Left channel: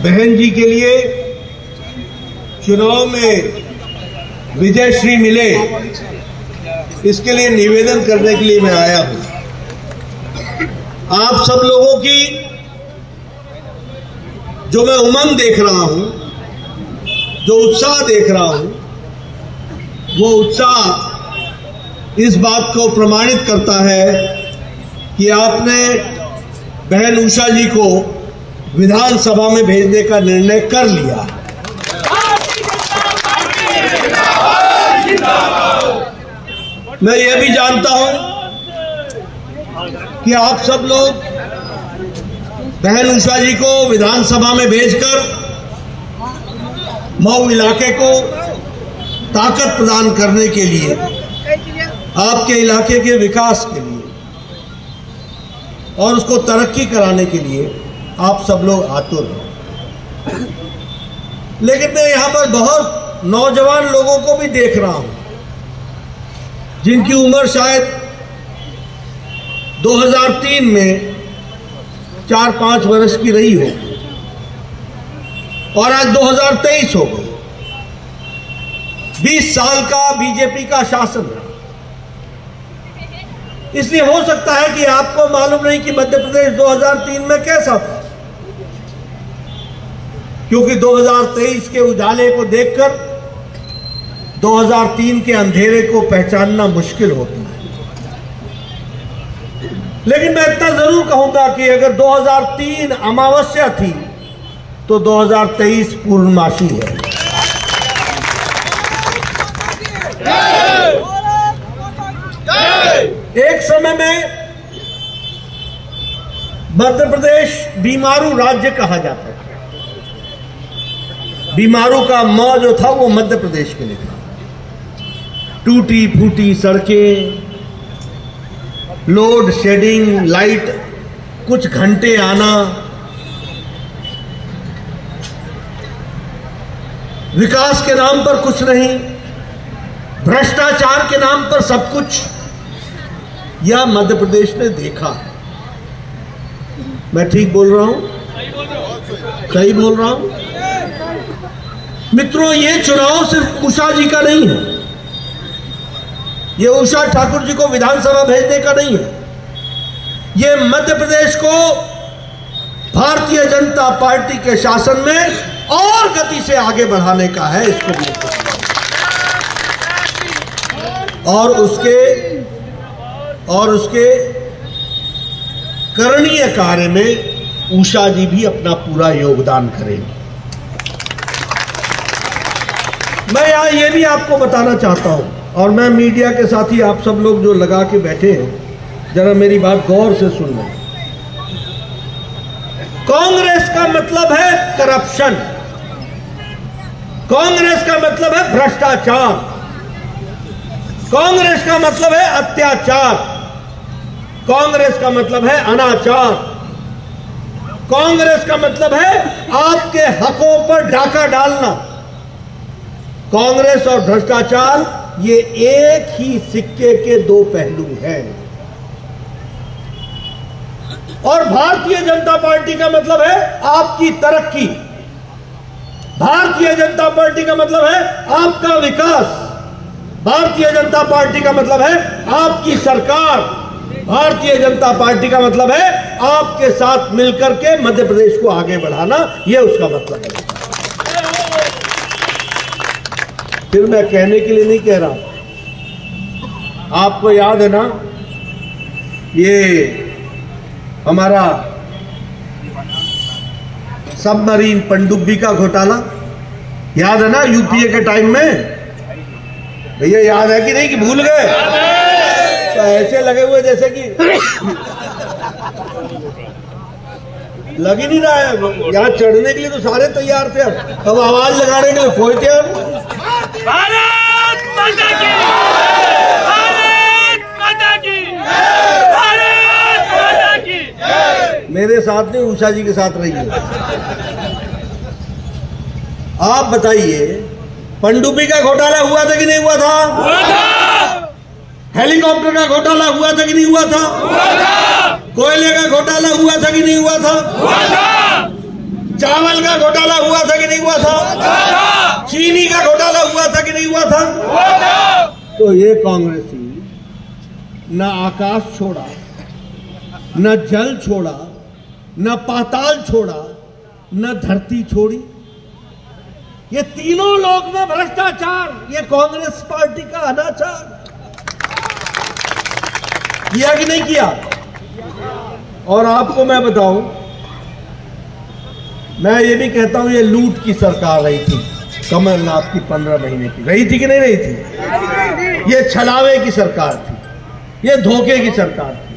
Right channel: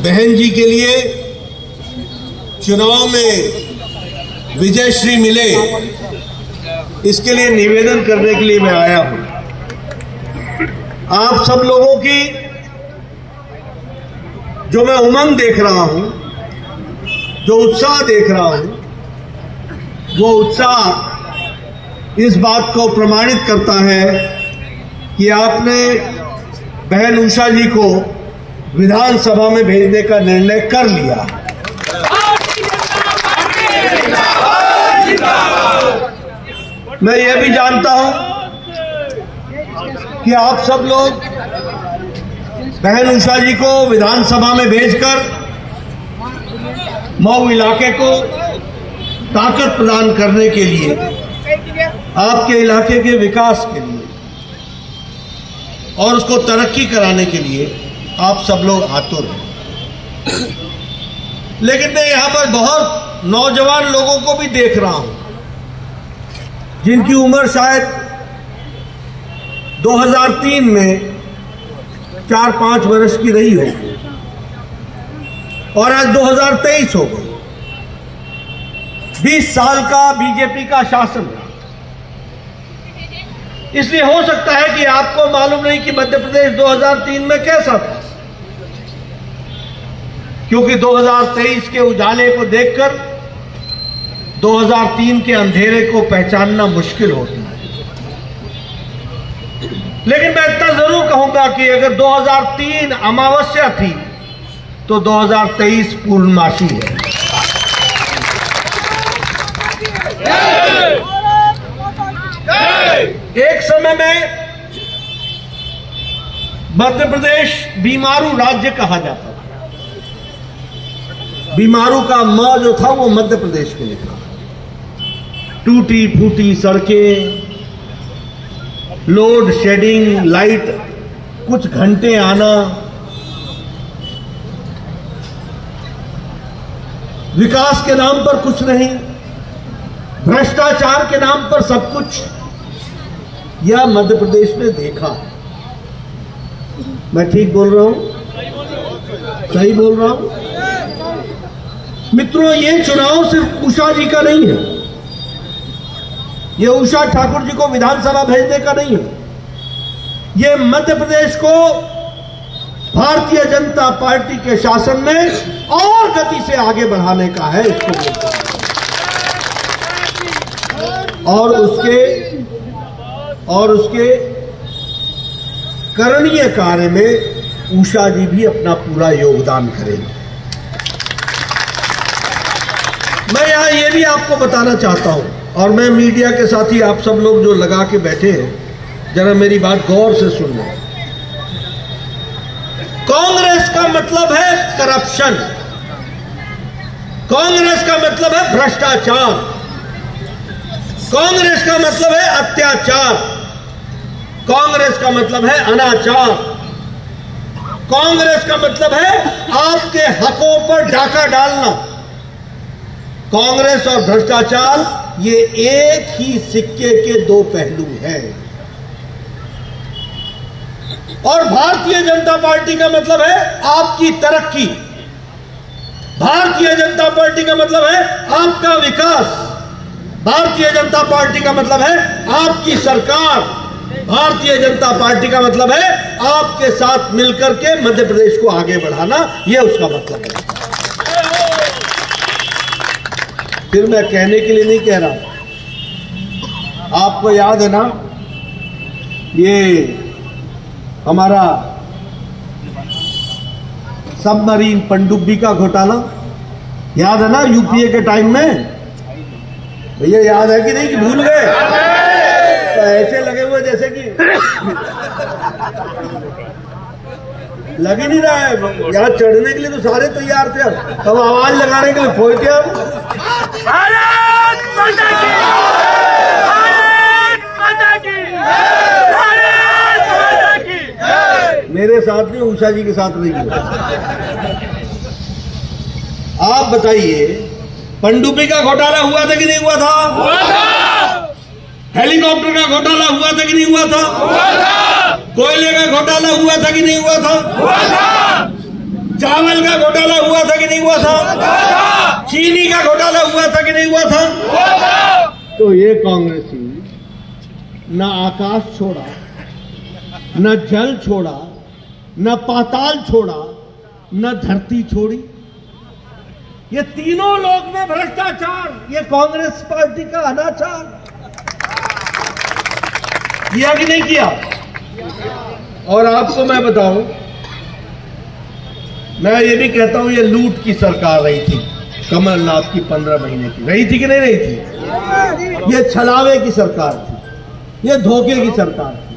बहन जी के लिए चुनाव में विजयश्री मिले, इसके लिए निवेदन करने के लिए मैं आया हूं। आप सब लोगों की जो मैं उमंग देख रहा हूं, जो उत्साह देख रहा हूं, वो उत्साह इस बात को प्रमाणित करता है कि आपने बहन उषा जी को विधानसभा में भेजने का निर्णय कर लिया। मैं यह भी जानता हूं कि आप सब लोग बहन उषा जी को विधानसभा में भेजकर मऊ इलाके को ताकत प्रदान करने के लिए, आपके इलाके के विकास के लिए और उसको तरक्की कराने के लिए आप सब लोग आतुर हैं। लेकिन मैं यहां पर बहुत नौजवान लोगों को भी देख रहा हूं जिनकी उम्र शायद 2003 में 4-5 वर्ष की रही हो और आज 2023 हो गई। 20 साल का बीजेपी का शासन है। इसलिए हो सकता है कि आपको मालूम नहीं कि मध्य प्रदेश 2003 में कैसा था, क्योंकि 2023 के उजाले को देखकर 2003 के अंधेरे को पहचानना मुश्किल होती है। लेकिन मैं इतना जरूर कहूंगा कि अगर 2003 अमावस्या थी तो 2023 पूर्णमासी है। एक समय में मध्य प्रदेश बीमारू राज्य कहा जाता था। बीमारू का म जो था वो मध्य प्रदेश के लिए था। टूटी फूटी सड़कें, लोड शेडिंग, लाइट कुछ घंटे आना, विकास के नाम पर कुछ नहीं, भ्रष्टाचार के नाम पर सब कुछ, यह मध्य प्रदेश ने देखा। मैं ठीक बोल रहा हूं? सही बोल रहा हूं? मित्रों, ये चुनाव सिर्फ उषा जी का नहीं है, ये उषा ठाकुर जी को विधानसभा भेजने का नहीं है, ये मध्य प्रदेश को भारतीय जनता पार्टी के शासन में और गति से आगे बढ़ाने का है। इसको लेकर और उसके करणीय कार्य में उषा जी भी अपना पूरा योगदान करेंगे। मैं यहां ये भी आपको बताना चाहता हूं, और मैं मीडिया के साथी आप सब लोग जो लगा के बैठे हैं, जरा मेरी बात गौर से सुनना। कांग्रेस का मतलब है करप्शन, कांग्रेस का मतलब है भ्रष्टाचार, कांग्रेस का मतलब है अत्याचार, कांग्रेस का मतलब है अनाचार, कांग्रेस का मतलब है आपके हकों पर डाका डालना। कांग्रेस और भ्रष्टाचार ये एक ही सिक्के के दो पहलू हैं। और भारतीय जनता पार्टी का मतलब है आपकी तरक्की, भारतीय जनता पार्टी का मतलब है आपका विकास, भारतीय जनता पार्टी का मतलब है आपकी सरकार, भारतीय जनता पार्टी का मतलब है आपके साथ मिलकर के मध्य प्रदेश को आगे बढ़ाना, यह उसका मतलब है। फिर मैं कहने के लिए नहीं कह रहा, आपको याद है ना ये हमारा सबमरीन पनडुब्बी का घोटाला, याद है ना यूपीए के टाइम में? भैया याद है कि नहीं, कि भूल गए? तो ऐसे लगे हुए जैसे कि लग ही नहीं रहा है। यहाँ चढ़ने के लिए तो सारे तैयार थे, अब आवाज लगाने के लिए कोई तैयार। भारत माता की, भारत माता की, भारत माता की। मेरे साथ नहीं, उषा जी के साथ रही है। आप बताइए, पनडुब्बी का घोटाला हुआ था कि नहीं हुआ था? हुआ था। हेलीकॉप्टर का घोटाला हुआ था कि नहीं हुआ था? हुआ था। कोयले का घोटाला हुआ था कि नहीं हुआ था? हुआ था। चावल तेल का घोटाला हुआ था कि नहीं हुआ था? चीनी का घोटाला हुआ था कि नहीं हुआ था? तो ये कांग्रेसी न आकाश छोड़ा, न जल छोड़ा, न पाताल छोड़ा, न धरती छोड़ी। ये तीनों लोग में भ्रष्टाचार, ये कांग्रेस पार्टी का अनाचार किया कि नहीं किया? और आपको मैं बताऊं, मैं ये भी कहता हूं ये लूट की सरकार रही थी कमलनाथ की 15 महीने की, रही थी कि नहीं रही थी? ये छलावे की सरकार थी, ये धोखे की सरकार थी।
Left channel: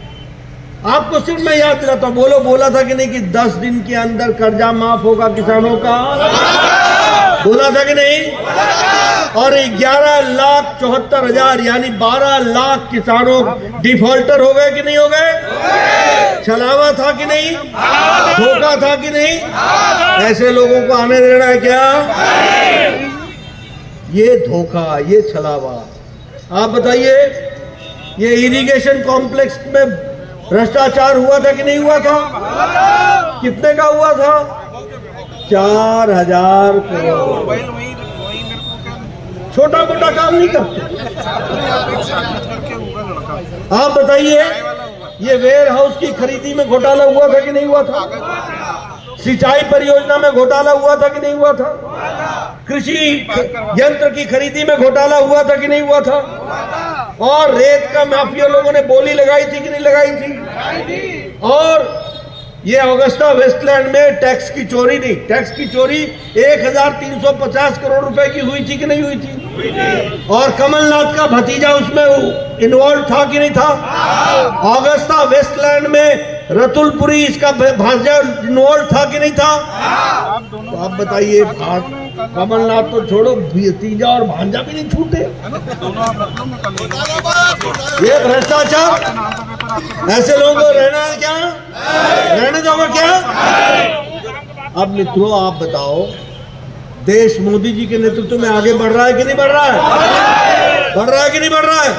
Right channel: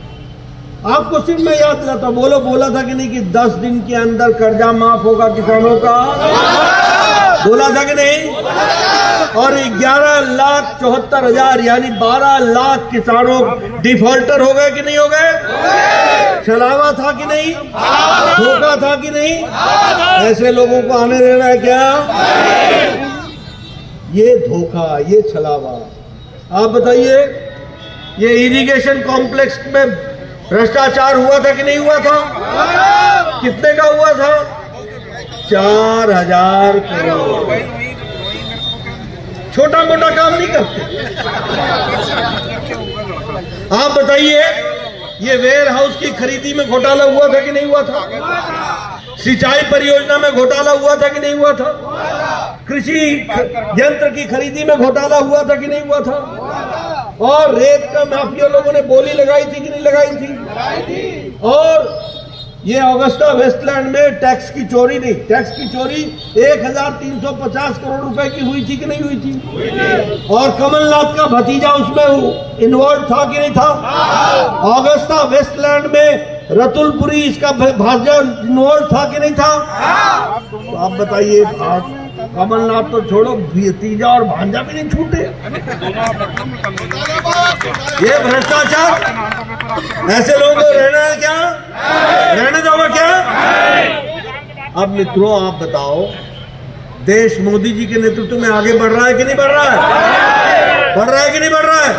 आपको सिर्फ मैं याद दिलाता हूं, बोला था कि नहीं कि 10 दिन के अंदर कर्जा माफ होगा किसानों का? बोला था कि नहीं? और 11,74,000 यानी 12 लाख किसानों डिफॉल्टर हो गए कि नहीं हो गए? छलावा था कि नहीं? धोखा था कि नहीं? ऐसे लोगों को आने देना है क्या? ये धोखा, ये छलावा। आप बताइए, ये इरिगेशन कॉम्प्लेक्स में भ्रष्टाचार हुआ था कि नहीं हुआ था? कितने का हुआ था? 4,000 करोड़। छोटा मोटा काम नहीं करते। आप बताइए, ये वेयर हाउस की खरीदी में घोटाला हुआ था कि नहीं हुआ था? सिंचाई परियोजना में घोटाला हुआ था कि नहीं हुआ था? कृषि यंत्र की खरीदी में घोटाला हुआ था कि नहीं हुआ था? और रेत का माफिया लोगों ने बोली लगाई थी कि नहीं लगाई थी? और ये ऑगस्टा वेस्टलैंड में टैक्स की चोरी नहीं, टैक्स की चोरी 1,350 करोड़ रुपए की हुई थी कि नहीं हुई थी? और कमलनाथ का भतीजा उसमें इन्वॉल्व था कि नहीं था? ऑगस्टा वेस्टलैंड में रतुलपुरी इसका भांजा इन्वॉल्व था कि नहीं था? तो आप बताइए, कमलनाथ तो छोड़ो, भतीजा और भांजा भी नहीं छूटे। ये भ्रष्टाचार, ऐसे लोगों को रहना है क्या? रहने दोगे क्या? अब मित्रों, आप बताओ, देश मोदी जी के नेतृत्व में आगे बढ़ रहा है कि नहीं बढ़ रहा है? बढ़ रहा है कि नहीं बढ़ रहा है?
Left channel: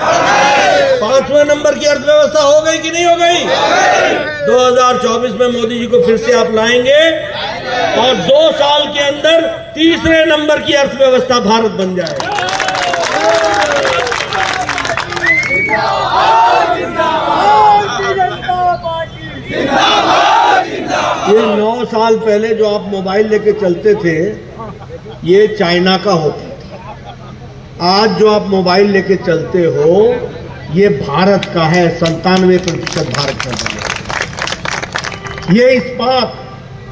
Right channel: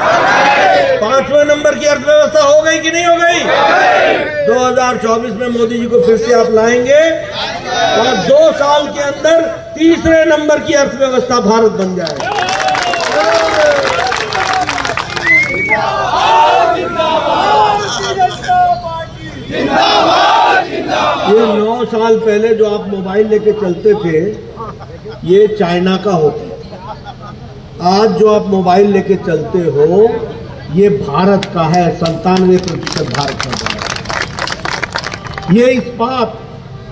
5वें नंबर की अर्थव्यवस्था हो गई कि नहीं हो गई? 2024 में मोदी जी को फिर से आप लाएंगे और 2 साल के अंदर 3रे नंबर की अर्थव्यवस्था भारत बन जाएगा। ये 9 साल पहले जो आप मोबाइल लेके चलते थे, ये चाइना का होता था। आज जो आप मोबाइल लेके चलते हो, ये भारत का है। 97% भारत का है। ये इस्पात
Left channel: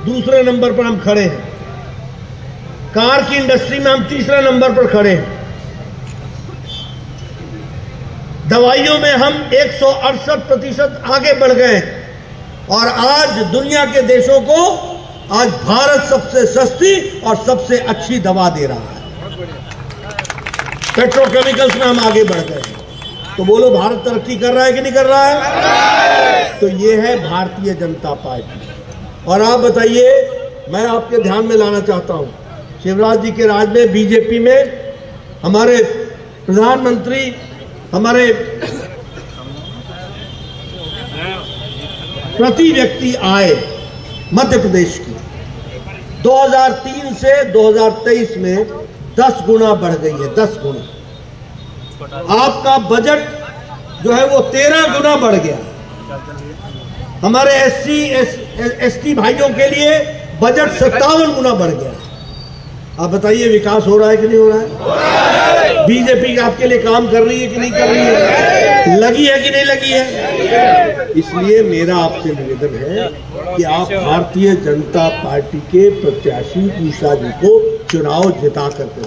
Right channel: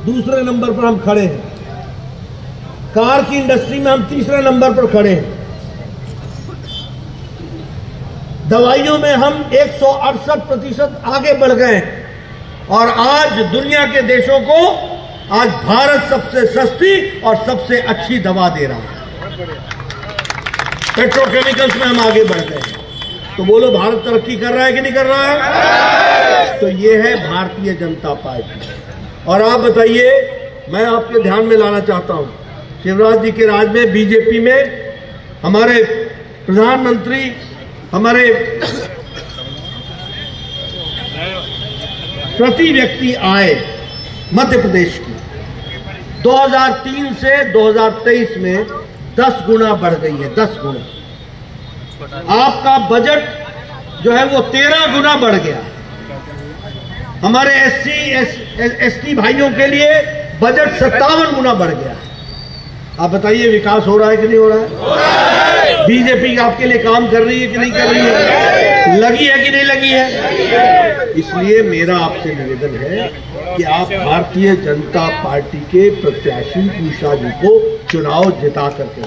2रे नंबर पर हम खड़े हैं। कार की इंडस्ट्री में हम 3रे नंबर पर खड़े हैं। दवाइयों में हम 168% आगे बढ़ गए और आज दुनिया के देशों को आज भारत सबसे सस्ती और सबसे अच्छी दवा दे रहा है। पेट्रोकेमिकल्स में हम आगे बढ़ गए। तो बोलो, भारत तरक्की कर रहा है कि नहीं कर रहा है? तो ये है भारतीय जनता पार्टी। और आप बताइए, मैं आपके ध्यान में लाना चाहता हूं, शिवराज जी के राज में बीजेपी में हमारे प्रधानमंत्री, हमारे प्रति व्यक्ति आय मध्य प्रदेश की 2003 से 2023 में 10 गुना बढ़ गई है। 10 गुना। आपका बजट जो है वो 13 गुना बढ़ गया। हमारे SC ST भाइयों के लिए बजट 57 गुना बढ़ गया। आप बताइए, विकास हो रहा है कि नहीं हो रहा है? बीजेपी आपके लिए काम कर रही है कि नहीं कर रही है? लगी है कि नहीं लगी है? इसलिए मेरा आपसे निवेदन है कि आप भारतीय जनता पार्टी के प्रत्याशी उषा जी को चुनाव जिता करके,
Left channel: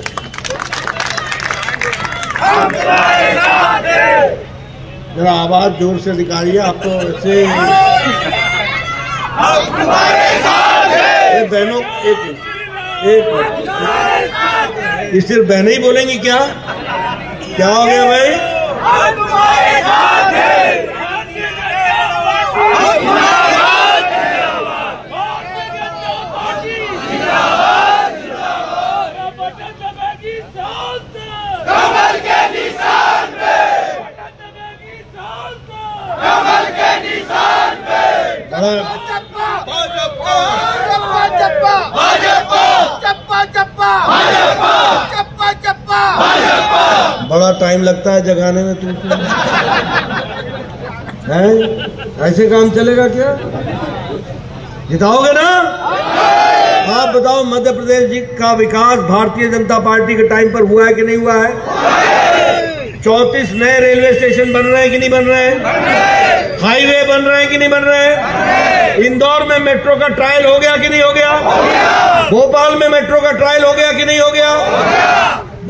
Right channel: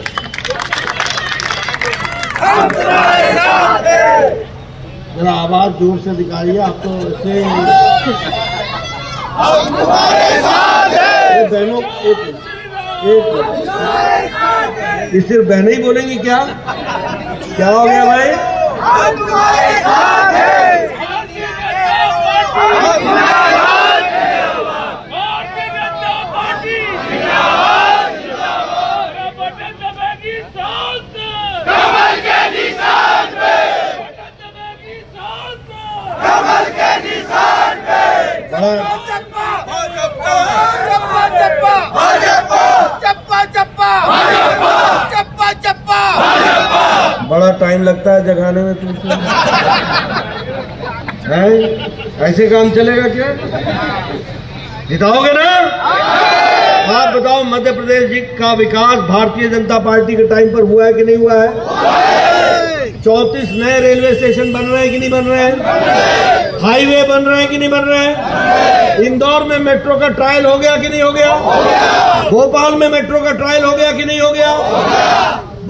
जरा आवाज जोर से निकालिए। आपको वैसे बहनों, एक ये सिर्फ बहनें ही बोलेंगी क्या? क्या हो गया भाई? भाजपा चप्पा चप्पा चप्पा चप्पा। बड़ा टाइम लगता है जगाने में तुमको, ऐसे काम चलेगा क्या? जिताओगे ना? आप बताओ मध्य प्रदेश जी का विकास भारतीय जनता पार्टी के टाइम पर हुआ है कि नहीं हुआ है? 34 नए रेलवे स्टेशन बन रहे हैं कि नहीं बन रहे हैं? हाईवे बन रहे हैं कि नहीं बन रहे हैं? इंदौर में मेट्रो का ट्रायल हो गया कि नहीं हो गया? भोपाल में मेट्रो का ट्रायल हो गया कि नहीं हो गया?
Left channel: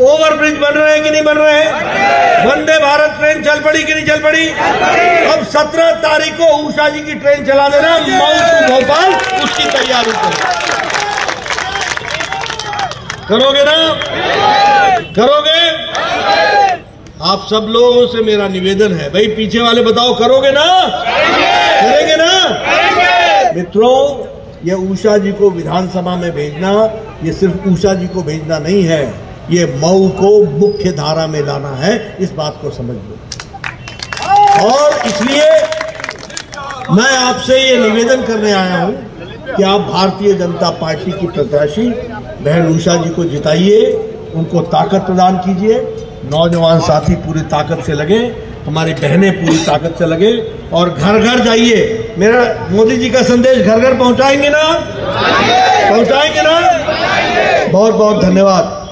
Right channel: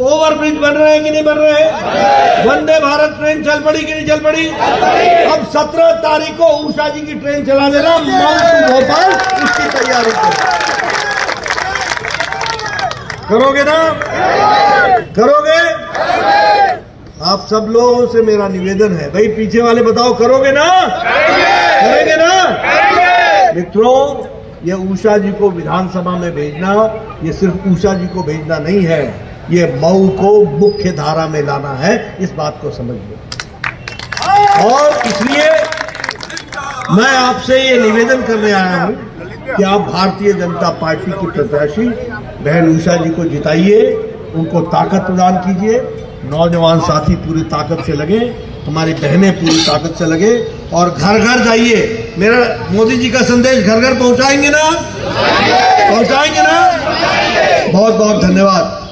ओवरब्रिज बन रहे हैं कि नहीं बन रहे हैं? वंदे भारत ट्रेन चल पड़ी कि नहीं चल पड़ी? अब 17 तारीख को उषा जी की ट्रेन चला देना भोपाल, उसकी तैयारी करोगे ना? करोगे? आप सब लोगों से मेरा निवेदन है, भाई पीछे वाले बताओ, करोगे ना? करेंगे ना? मित्रों, ये उषा जी को विधानसभा में भेजना, ये सिर्फ उषा जी को भेजना नहीं है, ये मऊ को मुख्य धारा में लाना है, इस बात को समझ लो। और इसलिए मैं आपसे ये निवेदन करने आया हूं कि आप भारतीय जनता पार्टी की प्रत्याशी बहन उषा जी को जिताइए, उनको ताकत प्रदान कीजिए। नौजवान साथी पूरी ताकत से लगे, हमारी बहनें पूरी ताकत से लगे और घर घर जाइए। मेरा मोदी जी का संदेश घर घर पहुंचाएंगे ना? पहुंचाएंगे ना? बहुत बहुत धन्यवाद।